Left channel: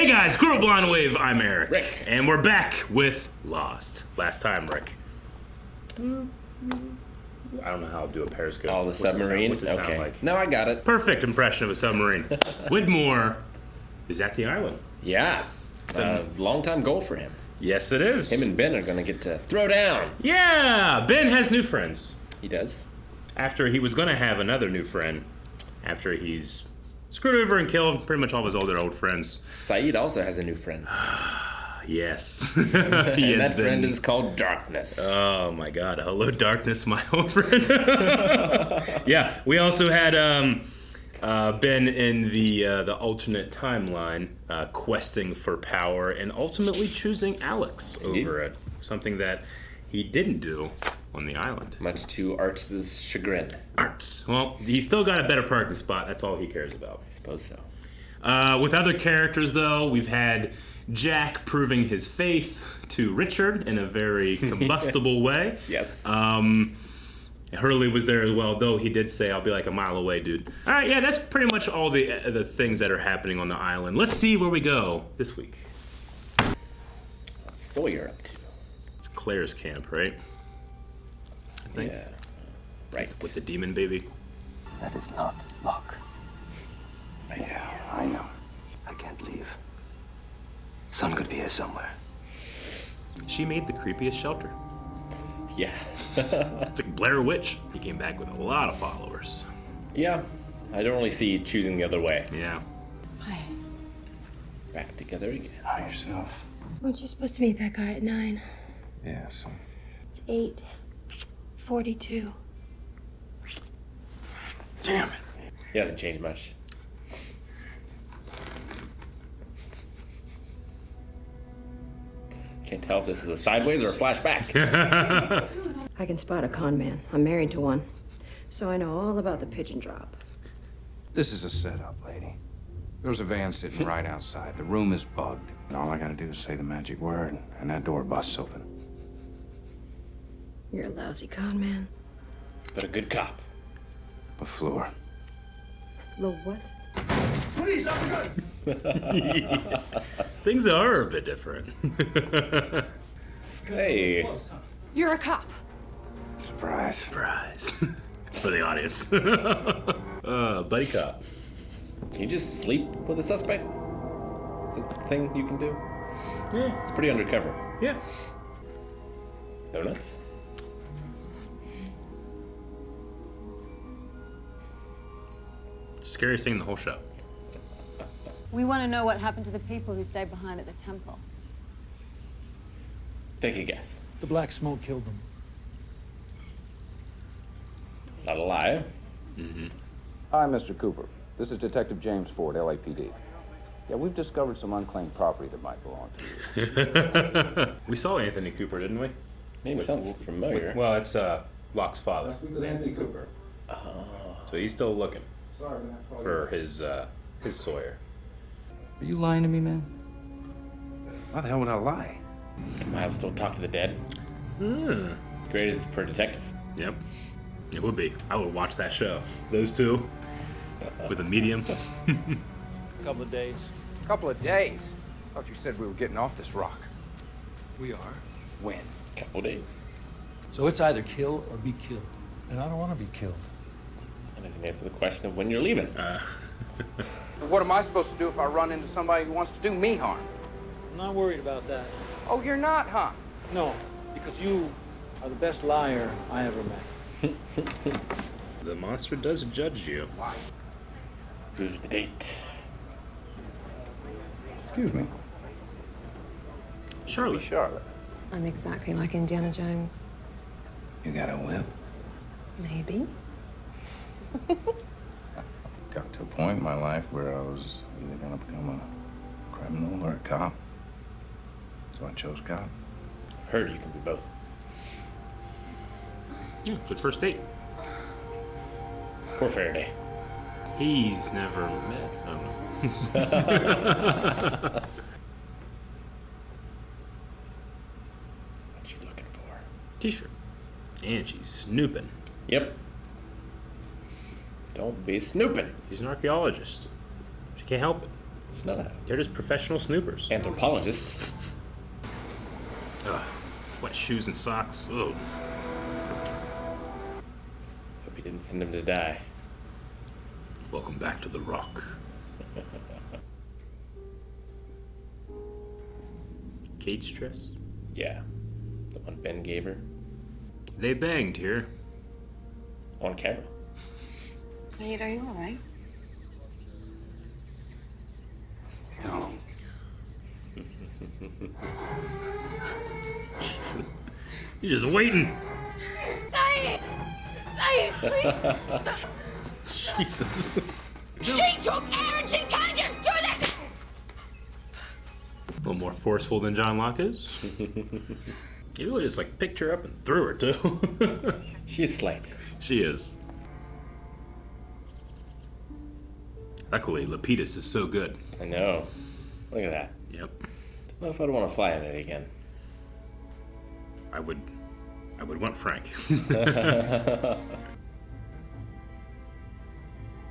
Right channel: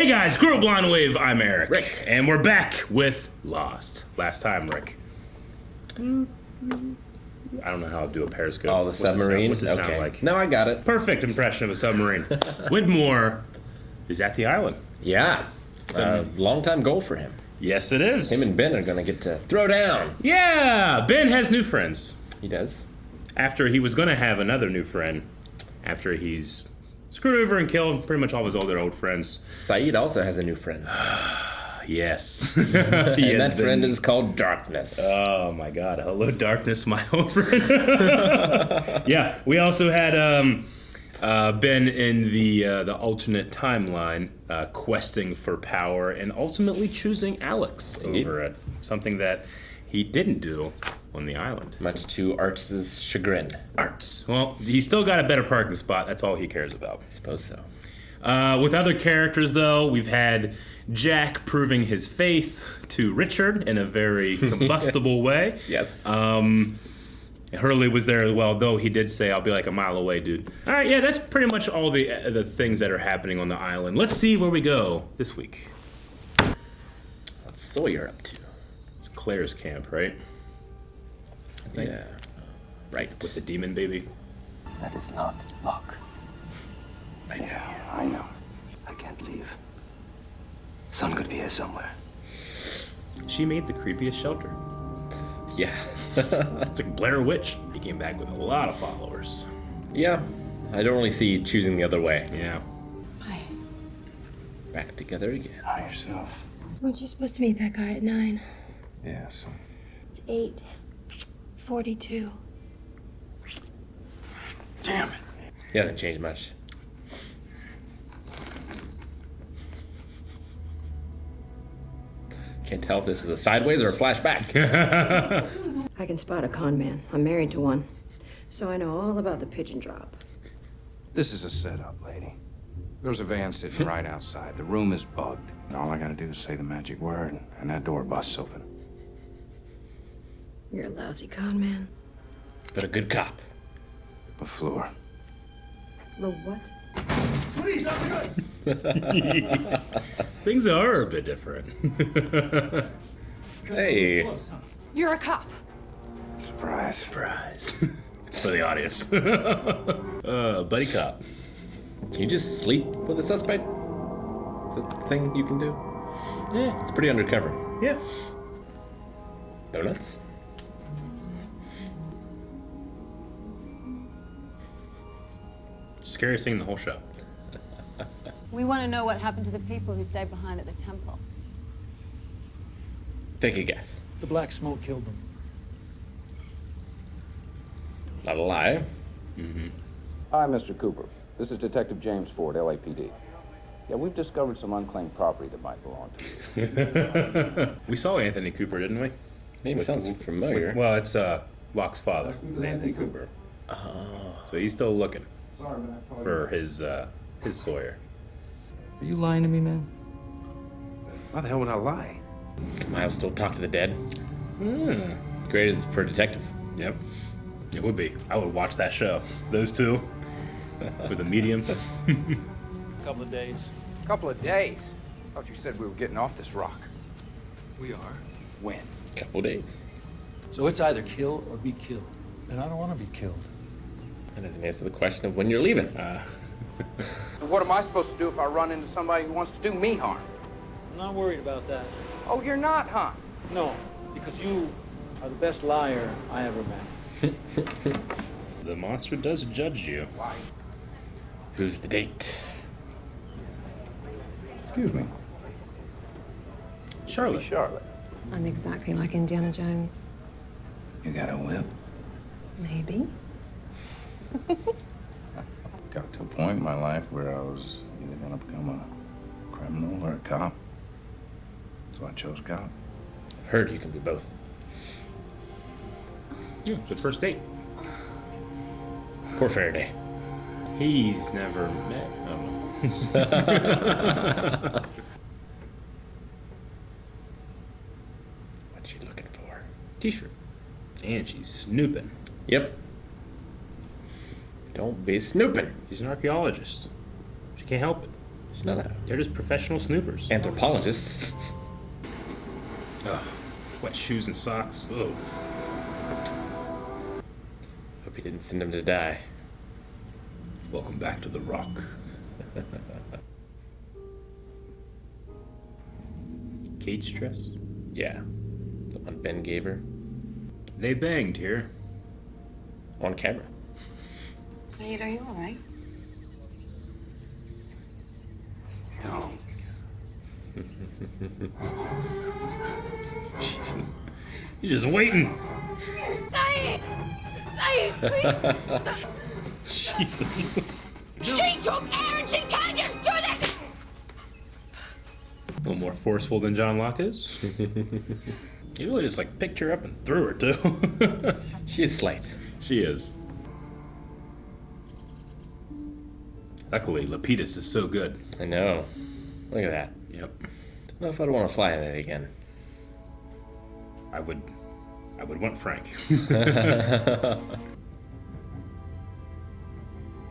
Hey guys, Girl Blonde Wave, I'm Eric. Rick. And we're back with Lost. Last time, Rick. I don't know how to do a Periscope. Oh, the submarine? What's it sound Okay. like? No, I got it. Perfect impression of a submarine. Widmore is at the island. Yeah. Long-time goal for him. Yes, it is. Him and Ben are going to get to throw down. Yeah, Ben has new friends. He does? After he was going to have another new friend. After he's screwed over and killed pretty much all of his other old friends. Sayid also has a new friend. Yes. And that friend is called Darkness. Oh my God! Hello, darkness, my old friend. Yeah, we also had Ben in the alternate timeline, questing for power and ultimately choosing Alex over it. Something that he didn't do on the island. Much to Art's chagrin. Arts. Well, he still got a better parking spot. That's all he cares about. I suppose so. With other characters, though, we've had Jack proving his faith to Richard in a very combustible way. Yes. Hurley was there as well, though he did say, "I'll be like a mile away, dude." All right, yeah, that's pretty much all the things that are happening on the island. Let's see where we go this week. What's Sawyer up to? It's Claire's camp, right? I think. Yeah. Right. With the demon baby. That is not luck. Yeah, I know. I can't leave. Sun could be here somewhere. She made the creepiest shelter. Yeah. It's like Blair Witch. He came back with a lot of followers. Yeah. I don't really see you choosing the other way. Yeah. Hi. Back together again. Hi, yourself. Weren't you supposed to meet that guy at 9? Yeah, so. It's 8:42. Damn it. He hasn't changed much. Can't tell if this is a sideways or a flashback. I can spot a con man. I'm married to one. So I know all about the pigeon drop. This is a setup, lady. There's a van sitting right outside. The room is bugged. And all I gotta do is say the magic word, and that door busts open. You're a lousy con man. But a good cop. LaFleur. The what? Things are a bit different. Hey. You're a cop. Surprise. Surprise. It's for the audience. Buddy cop. Can you just sleep with a suspect? Is that the thing you can do? Yeah. It's pretty undercover. Yeah. Donuts? Scariest thing in the whole show. We want to know what happened to the people who stayed behind at the temple. Take a guess. The black smoke killed them. Not a lie. Hi, Mr. Cooper. This is Detective James Ford, LAPD. Yeah, we've discovered some unclaimed property that might belong to you. We saw Anthony Cooper, didn't we? Name sounds familiar. Well, it's Locke's father. With Anthony Cooper. So he's still looking for his Sawyer. Are you lying to me, man? Why the hell would I lie? Miles still talk to the dead. Great as for a detective. Yep. It would be. I would watch that show. Those two. With a medium. Couple of days. Couple of days. Thought you said we were getting off this rock. We are. When? Couple days. So it's either kill or be killed. And I don't want to be killed. And doesn't answer the question of when you're leaving. What am I supposed to do if I run into somebody who wants to do me harm? I'm not worried about that. Oh, you're not, huh? No, because you are the best liar I ever met. The monster does judge you. Why? Who's the date? Excuse me. Charlotte. Charlotte. I'm exactly like Indiana Jones. You got a whip? Maybe. Got to a point in my life where I was either gonna become a criminal or a cop. So I chose cop. I've heard you can be both. Yeah, it's the first date. For Faraday. He's never met. I don't know. What's she looking for? T-shirt. And she's snooping. Yep. Don't be snooping. She's an archaeologist. She can't help it. She's not a They're just professional snoopers. anthropologist. Wet shoes and socks. Ugh. Hope he didn't send him to die. Welcome back to the Rock. Cage dress? Yeah. The one Ben gave her. They banged here. On camera. Sayid, are you all right? No. You're just waiting. Sayid! Sayid, please! Jesus. She took air and she can't just do this! A little more forceful than John Locke is. He really just like picked her up and threw her too. She is slight. She is. Luckily, Lapidus is so good. I know. Look at that. Yep. Don't know if I'd want to fly in it again. I would want Frank.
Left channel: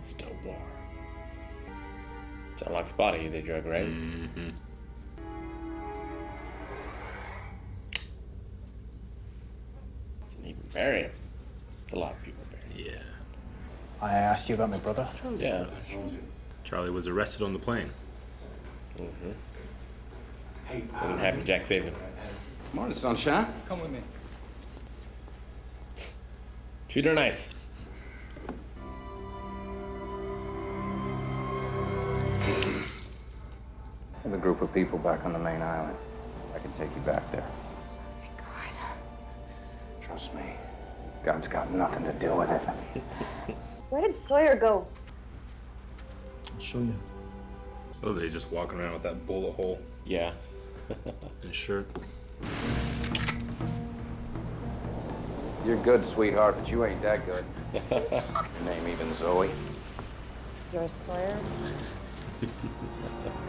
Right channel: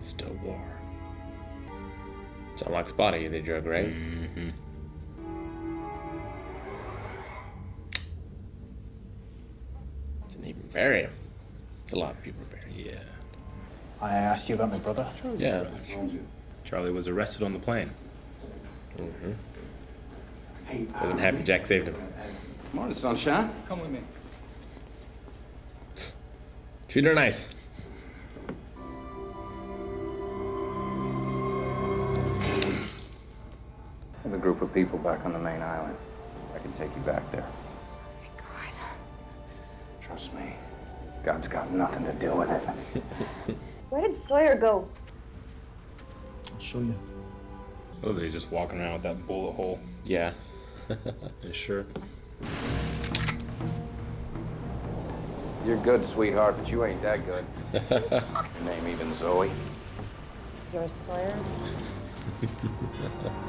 Still war. John Locke's body they drug, right? Mm-hmm. Didn't even bury him. It's a lot of people buried. Yeah. I asked you about my brother. Yeah. Charlie was arrested on the plane. What happened? Jack saved him. Morning, sunshine. Come with me. Treat her nice. I have a group of people back on the main island. I can take you back there. Thank God. Trust me. God's got nothing to do with it. Where did Sawyer go? I'll show you. Oh, he's just walking around with that bullet hole Yeah. in his shirt. You're good, sweetheart, but you ain't that good. Your name even Zoe. Is yours Sawyer?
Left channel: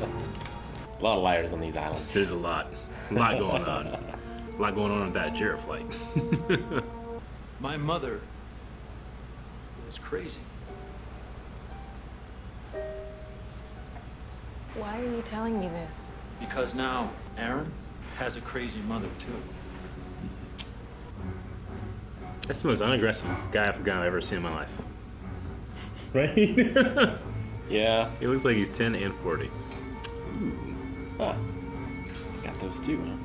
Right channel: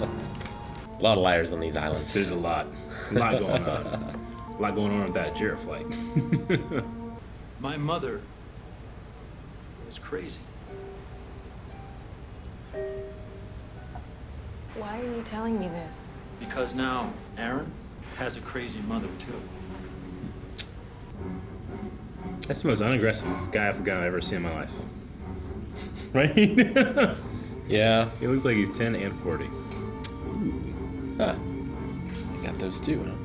A lot of liars on these islands. There's a lot going on. A lot going on with that Ajira flight. My mother is crazy. Why are you telling me this? Because now Aaron has a crazy mother, too. That's the most unaggressive guy I've ever seen in my life. Right? Yeah. He looks like he's 10 and 40. Huh. Got those too, huh?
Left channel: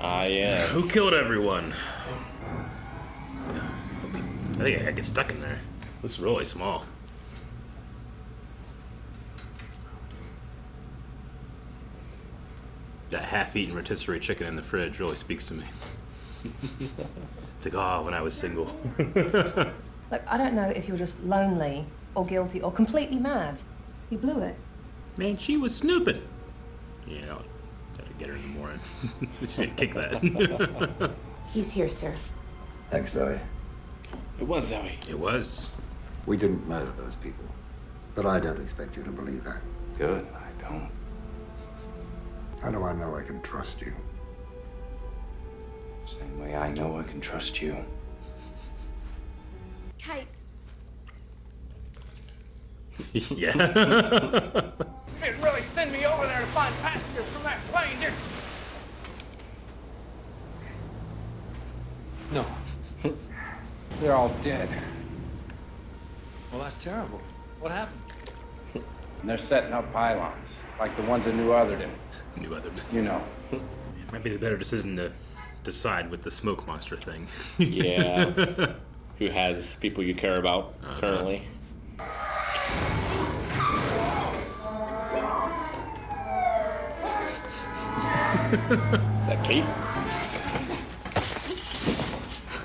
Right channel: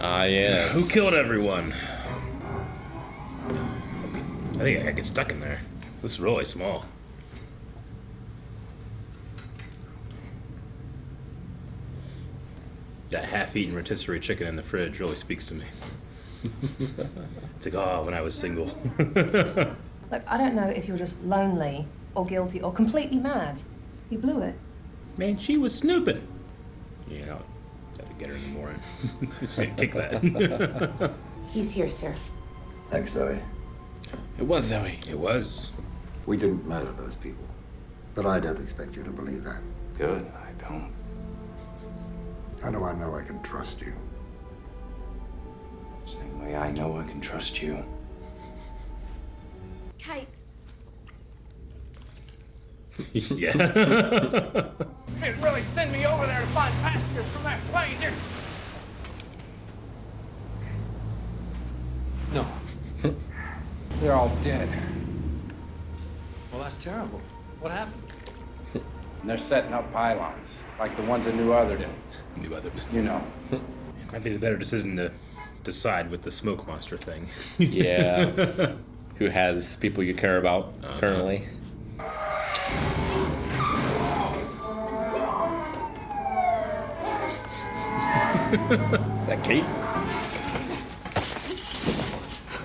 Ah, yes. Who killed everyone? I think I gotta get stuck in there. This is really small. That half-eaten rotisserie chicken in the fridge really speaks to me. It's like, oh, when I was single. Look, I don't know if you're just lonely or guilty or completely mad. You blew it. Man, she was snooping. Yeah, I'll gotta get her in the morning. Just like, kick that. He's here, sir. Thanks, Zoe. It was Zoe. It was. We didn't murder those people, but I don't expect you to believe that. Good, I don't. How do I know I can trust you? Same way I know I can trust you. Kate. Yeah. Didn't really send me over there to find passengers from that plane, did No. They're all dead. Well, that's terrible. What happened? And they're setting up pylons, like the ones in New Otherden. You know. Might be the better decision to decide with the smoke monster thing. Yeah. Who has people you care about currently? Is that Kate?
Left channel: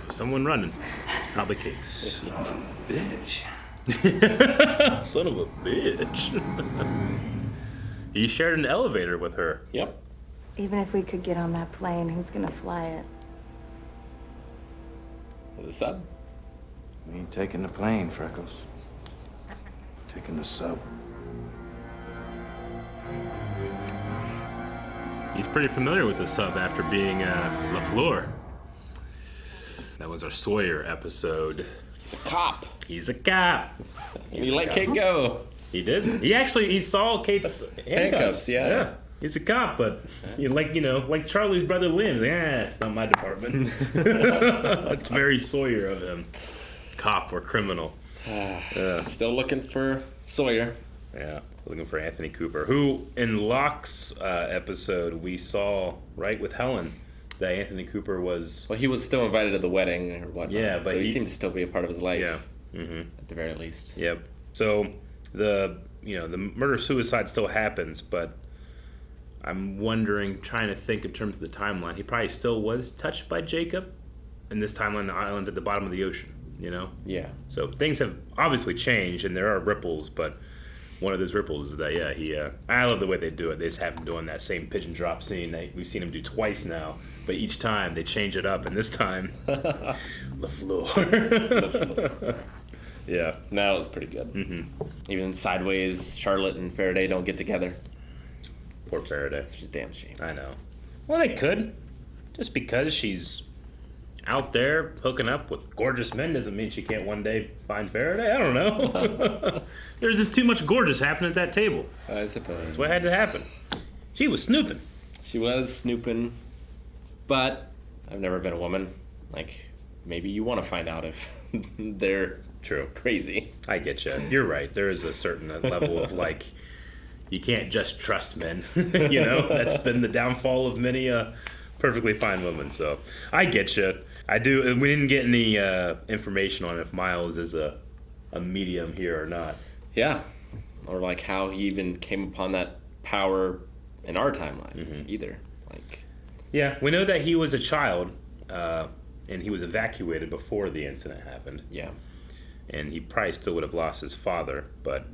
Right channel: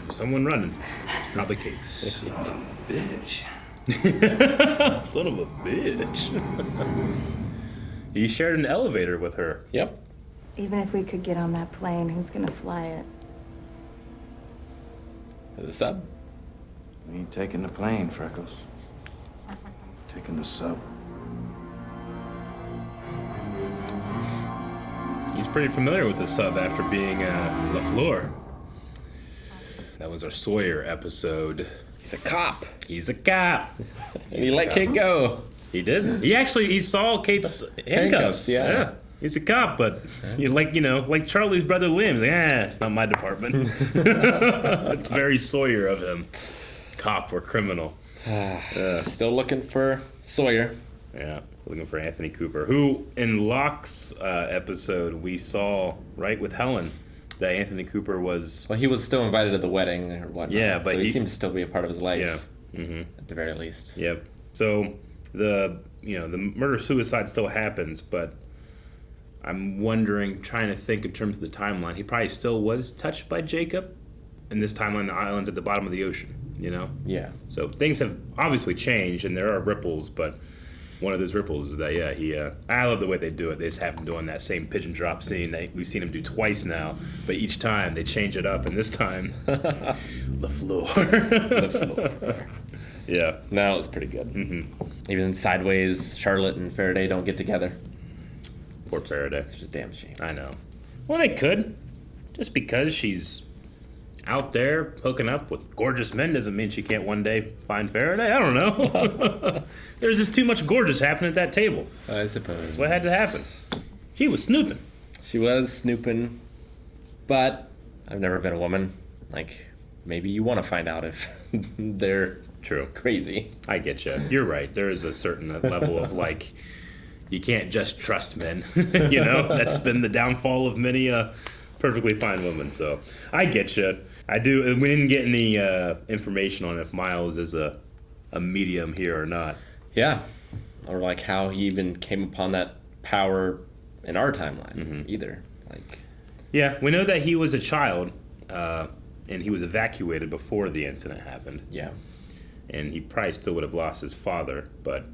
Someone running. It's probably Kate. Son of a bitch. Son of a bitch. He shared an elevator with her. Yep. Even if we could get on that plane, who's gonna fly it? The sub? We ain't taking the plane, Freckles. Taking the sub. He's pretty familiar with the sub after being LaFleur. That was our Sawyer episode. He's a cop. He's a cop. And he let Kate go. He did. He saw Kate's handcuffs. Yeah. He's a cop, but like Charlie's brother Liam. Yeah, it's not my department. It's very Sawyer of him. Cop or criminal. Still looking for Sawyer. Yeah, looking for Anthony Cooper, who in Locke's episode we saw, right, with Helen, that Anthony Cooper was... Well, he was still invited to the wedding or whatnot. Yeah, but so he seems to still be a part of his life. Yeah. Mm-hmm. At the very least. Yep. So the murder-suicide still happens, but I'm wondering, trying to think in terms of the timeline, he probably still was touched by Jacob. In this timeline, the island's at the bottom of the ocean, Yeah. So things have obviously changed, and there are ripples, but one of those ripples is that, I love the way they do it. They just have him doing that same pigeon drop scene. We've seen him do twice now, but each time they change it up, and this time, the floor. The floor. Yeah. No, it was pretty good. Mm-hmm. Even Sideways, Charlotte and Faraday don't get together. Poor Faraday. Such a damn shame. I know. Well, they could. Just because she's out there hooking up with gorgeous men doesn't mean she can't one day find Faraday. I don't know. There's just too much gorgeous happening at that table. I suppose. That's what had to happen. She was snooping. She was snooping, but I've never been a woman. Maybe you want to find out if they're crazy. I get you. You're right. There is a certain level of you can't just trust men. That's been the downfall of many perfectly fine women. So I get you. I do. And we didn't get any information on if Miles is a medium here or not. Yeah. Or how he even came upon that power in our timeline either. Yeah, we know that he was a child and he was evacuated before the incident happened. Yeah. And he probably still would have lost his father, but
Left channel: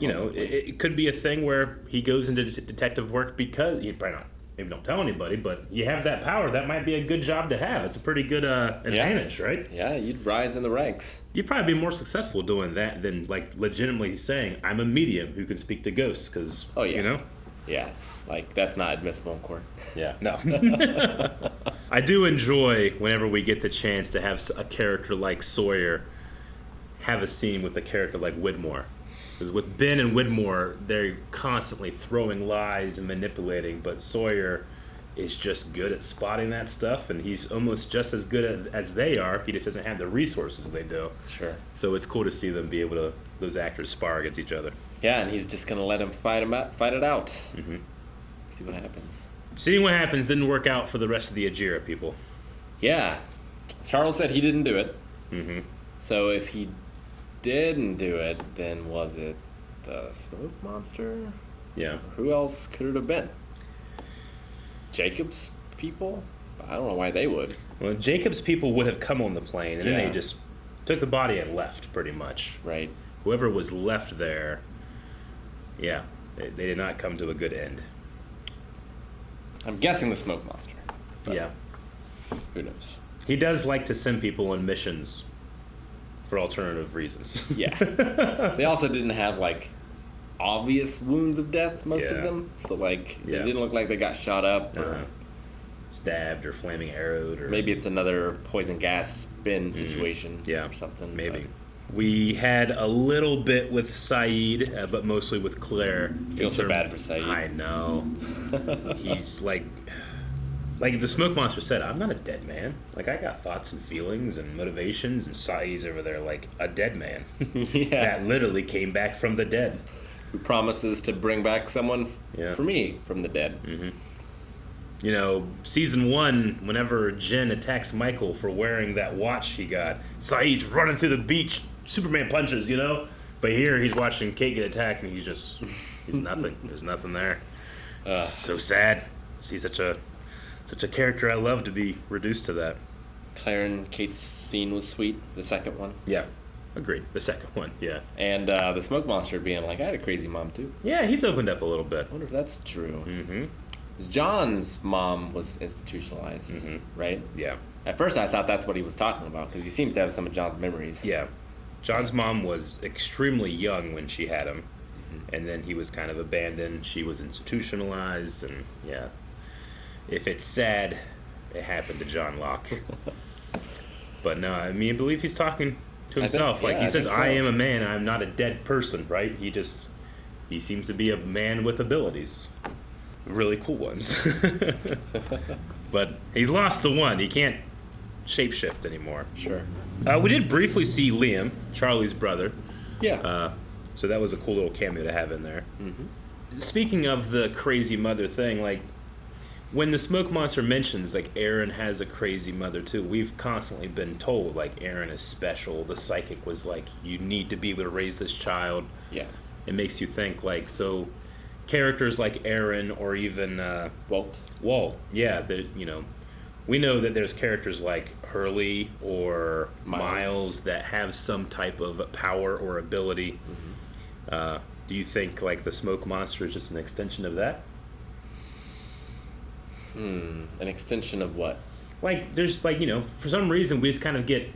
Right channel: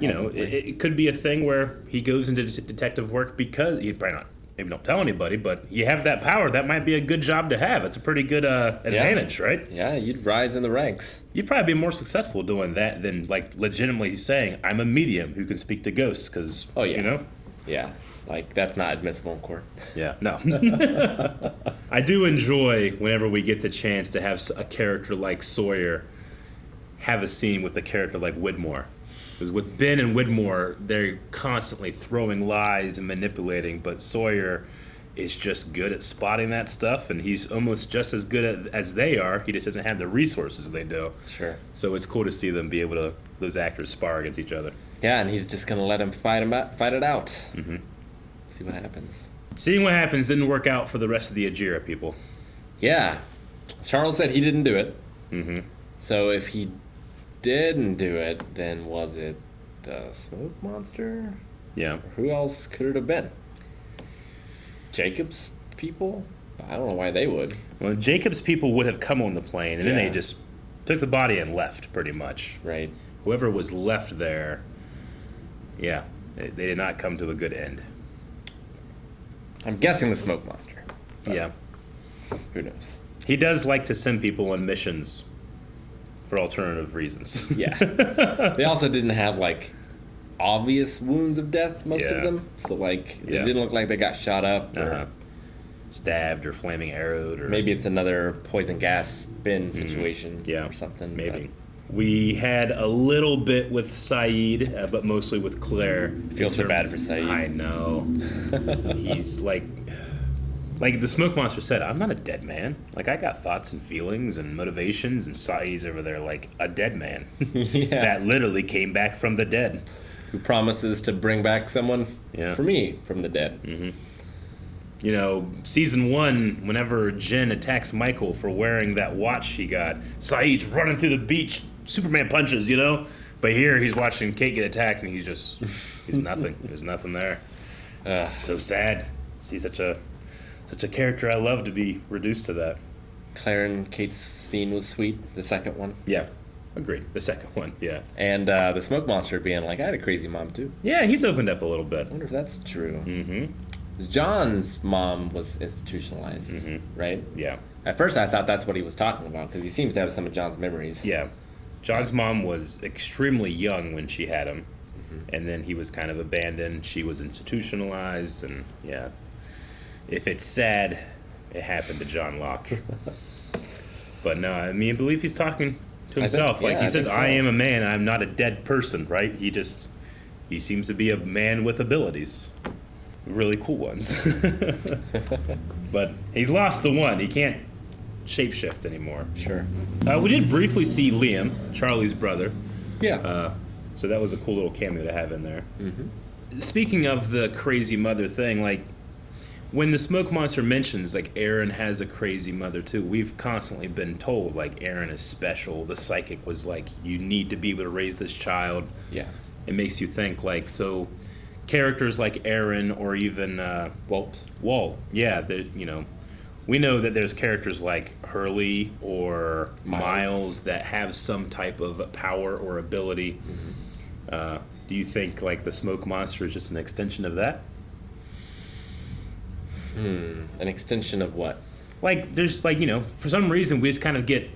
it could be a thing where he goes into detective work because he'd probably not, maybe don't tell anybody, but you have that power. That might be a good job to have. It's a pretty good advantage, right? Yeah, you'd rise in the ranks. You'd probably be more successful doing that than legitimately saying, I'm a medium who can speak to ghosts, because, Yeah, that's not admissible in court. Yeah, no. I do enjoy whenever we get the chance to have a character like Sawyer have a scene with a character like Widmore. Because with Ben and Widmore, they're constantly throwing lies and manipulating, but Sawyer is just good at spotting that stuff, and he's almost just as good as they are. He just doesn't have the resources they do. Sure. So it's cool to see them be able to, those actors, spar against each other. Yeah, and he's just going to let him fight it out. Mm-hmm. See what happens. Seeing what happens didn't work out for the rest of the Ajira people. Yeah. Charles said he didn't do it. Mm-hmm. So if he didn't do it, then was it the smoke monster? Yeah. Who else could it have been? Jacob's people? I don't know why they would. Well, Jacob's people would have come on the plane, and then they just took the body and left, pretty much. Right. Whoever was left there, they did not come to a good end. I'm guessing the smoke monster. Yeah. Who knows? He does like to send people on missions for alternative reasons. Yeah. They also didn't have, obvious wounds of death, most of them. So, it didn't look like they got shot up or stabbed or flaming arrowed. Or maybe it's another poison gas bin situation or something. Maybe. We had a little bit with Sayid, but mostly with Claire. Feel so bad for Sayid. I know. He's like the smoke monster said, I'm not a dead man. I got thoughts and feelings and motivations, and Sayid's over there like a dead man. That literally came back from the dead. Who promises to bring back someone for me from the dead. Mm-hmm. Season 1, whenever Jin attacks Michael for wearing that watch he got, Sayid's running through the beach, Superman punches, But here he's watching Kate get attacked, and he's nothing. There's nothing there. So sad. See such a character I love to be reduced to that. Claire and Kate's scene was sweet, the second one. Yeah, agreed. The second one, yeah. And the smoke monster being like, I had a crazy mom too. Yeah, he's opened up a little bit. I wonder if that's true. Mm-hmm. John's mom was institutionalized, right? Yeah. At first I thought that's what he was talking about, because he seems to have some of John's memories. Yeah. John's mom was extremely young when she had him, and then he was kind of abandoned. She was institutionalized, and if it's sad, it happened to John Locke. But no, I believe he's talking to himself. Like he says, so. I am a man, I'm not a dead person, right? He seems to be a man with abilities. Really cool ones. But he's lost the one. He can't shapeshift anymore. Sure. We did briefly see Liam, Charlie's brother. Yeah. So that was a cool little cameo to have in there. Mm-hmm. Speaking of the crazy mother thing, like, when the smoke monster mentions, like, Aaron has a crazy mother, too, we've constantly been told, like, Aaron is special. The psychic was like, you need to be able to raise this child. Yeah. It makes you think, like, so characters like Aaron or even Walt, yeah, that, you know, we know that there's characters like Hurley or Miles that have some type of power or ability. Do you think, like, the smoke monster is just an extension of that? An extension of what? Like, there's, like, you know, for some reason we just kind of get,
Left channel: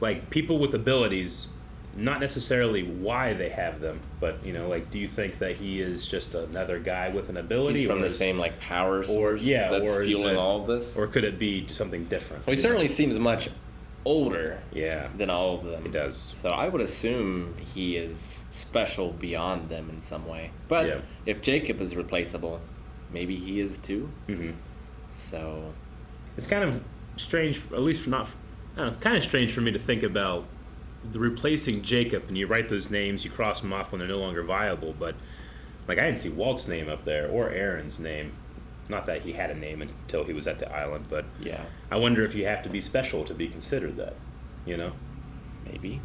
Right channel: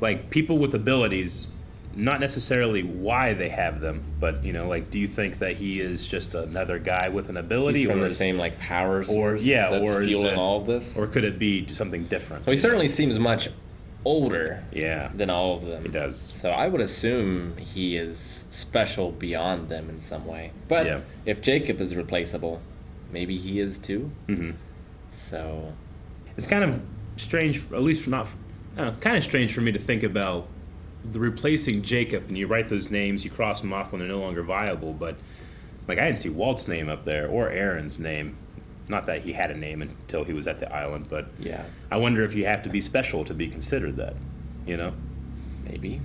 like, people with abilities, not necessarily why they have them, but, you know, like, do you think that he is just another guy with an ability? He's from the same, like, power source that's fueling all of this? Or could it be something different? Well, he certainly seems much older than all of them. He does. So I would assume he is special beyond them in some way. But if Jacob is replaceable, maybe he is too. Mm-hmm. So it's kind of strange, at least kind of strange for me to think about the replacing Jacob, and you write those names, you cross them off when they're no longer viable. But, like, I didn't see Walt's name up there or Aaron's name. Not that he had a name until he was at the island, but I wonder if you have to be special to be considered that, you know? Maybe.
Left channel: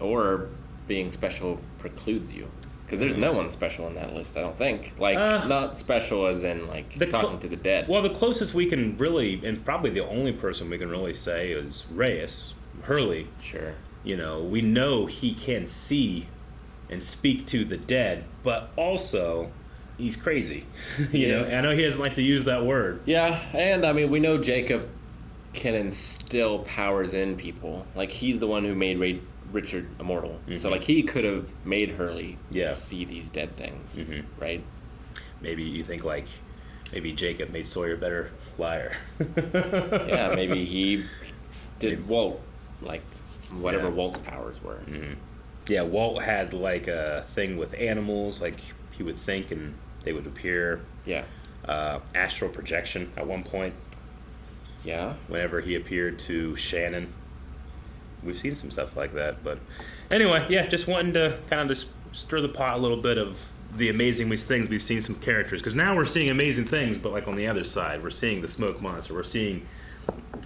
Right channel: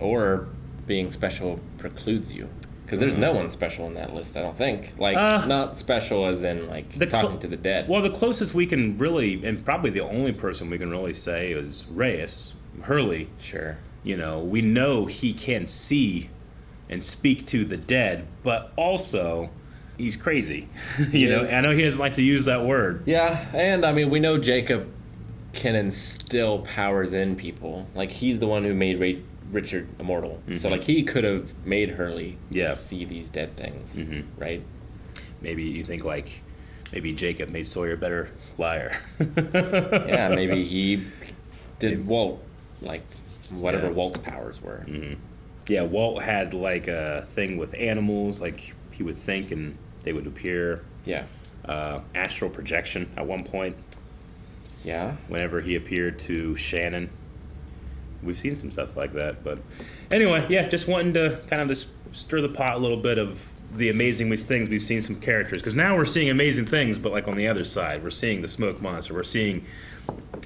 Or being special precludes you. Because there's no one special in that list, I don't think. Like, not special as in, like, talking to the dead. Well, the closest we can really, and probably the only person we can really say is Reyes, Hurley. Sure. You know, we know he can see and speak to the dead, but also he's crazy. you know, I know he doesn't like to use that word. Yeah, and I mean, we know Jacob can instill powers in people. Like, he's the one who made Richard immortal. Mm-hmm. So, like, he could have made Hurley see these dead things, right? Maybe you think, like, maybe Jacob made Sawyer a better liar. Yeah, maybe he did Walt, like, whatever Walt's powers were. Mm-hmm. Yeah, Walt had, like, a thing with animals, like, he would think and they would appear. Yeah. Astral projection at one point. Yeah. Whenever he appeared to Shannon. We've seen some stuff like that, but anyway, yeah, just wanting to kind of just stir the pot a little bit of the amazing things we've seen some characters, because now we're seeing amazing things, but, like, on the other side, we're seeing the smoke monster, we're seeing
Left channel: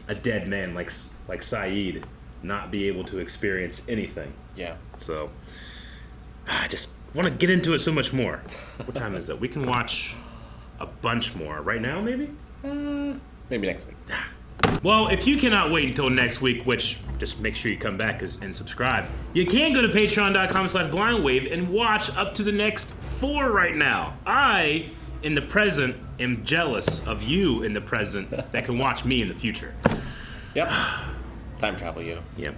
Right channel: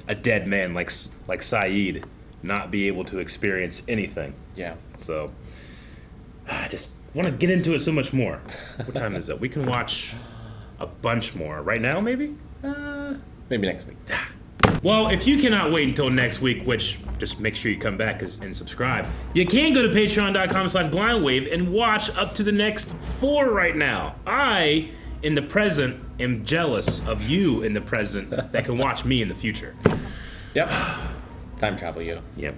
a dead man like Sayid not be able to experience anything. Yeah. So I just want to get into it so much more. What time is it? We can watch a bunch more right now, maybe. Maybe next week. Well, if you cannot wait until next week, which just make sure you come back and subscribe, you can go to patreon.com/blindwave and watch up to the next 4 right now. I, in the present, am jealous of you in the present that can watch me in the future. Yep. Time travel, yo. Yep.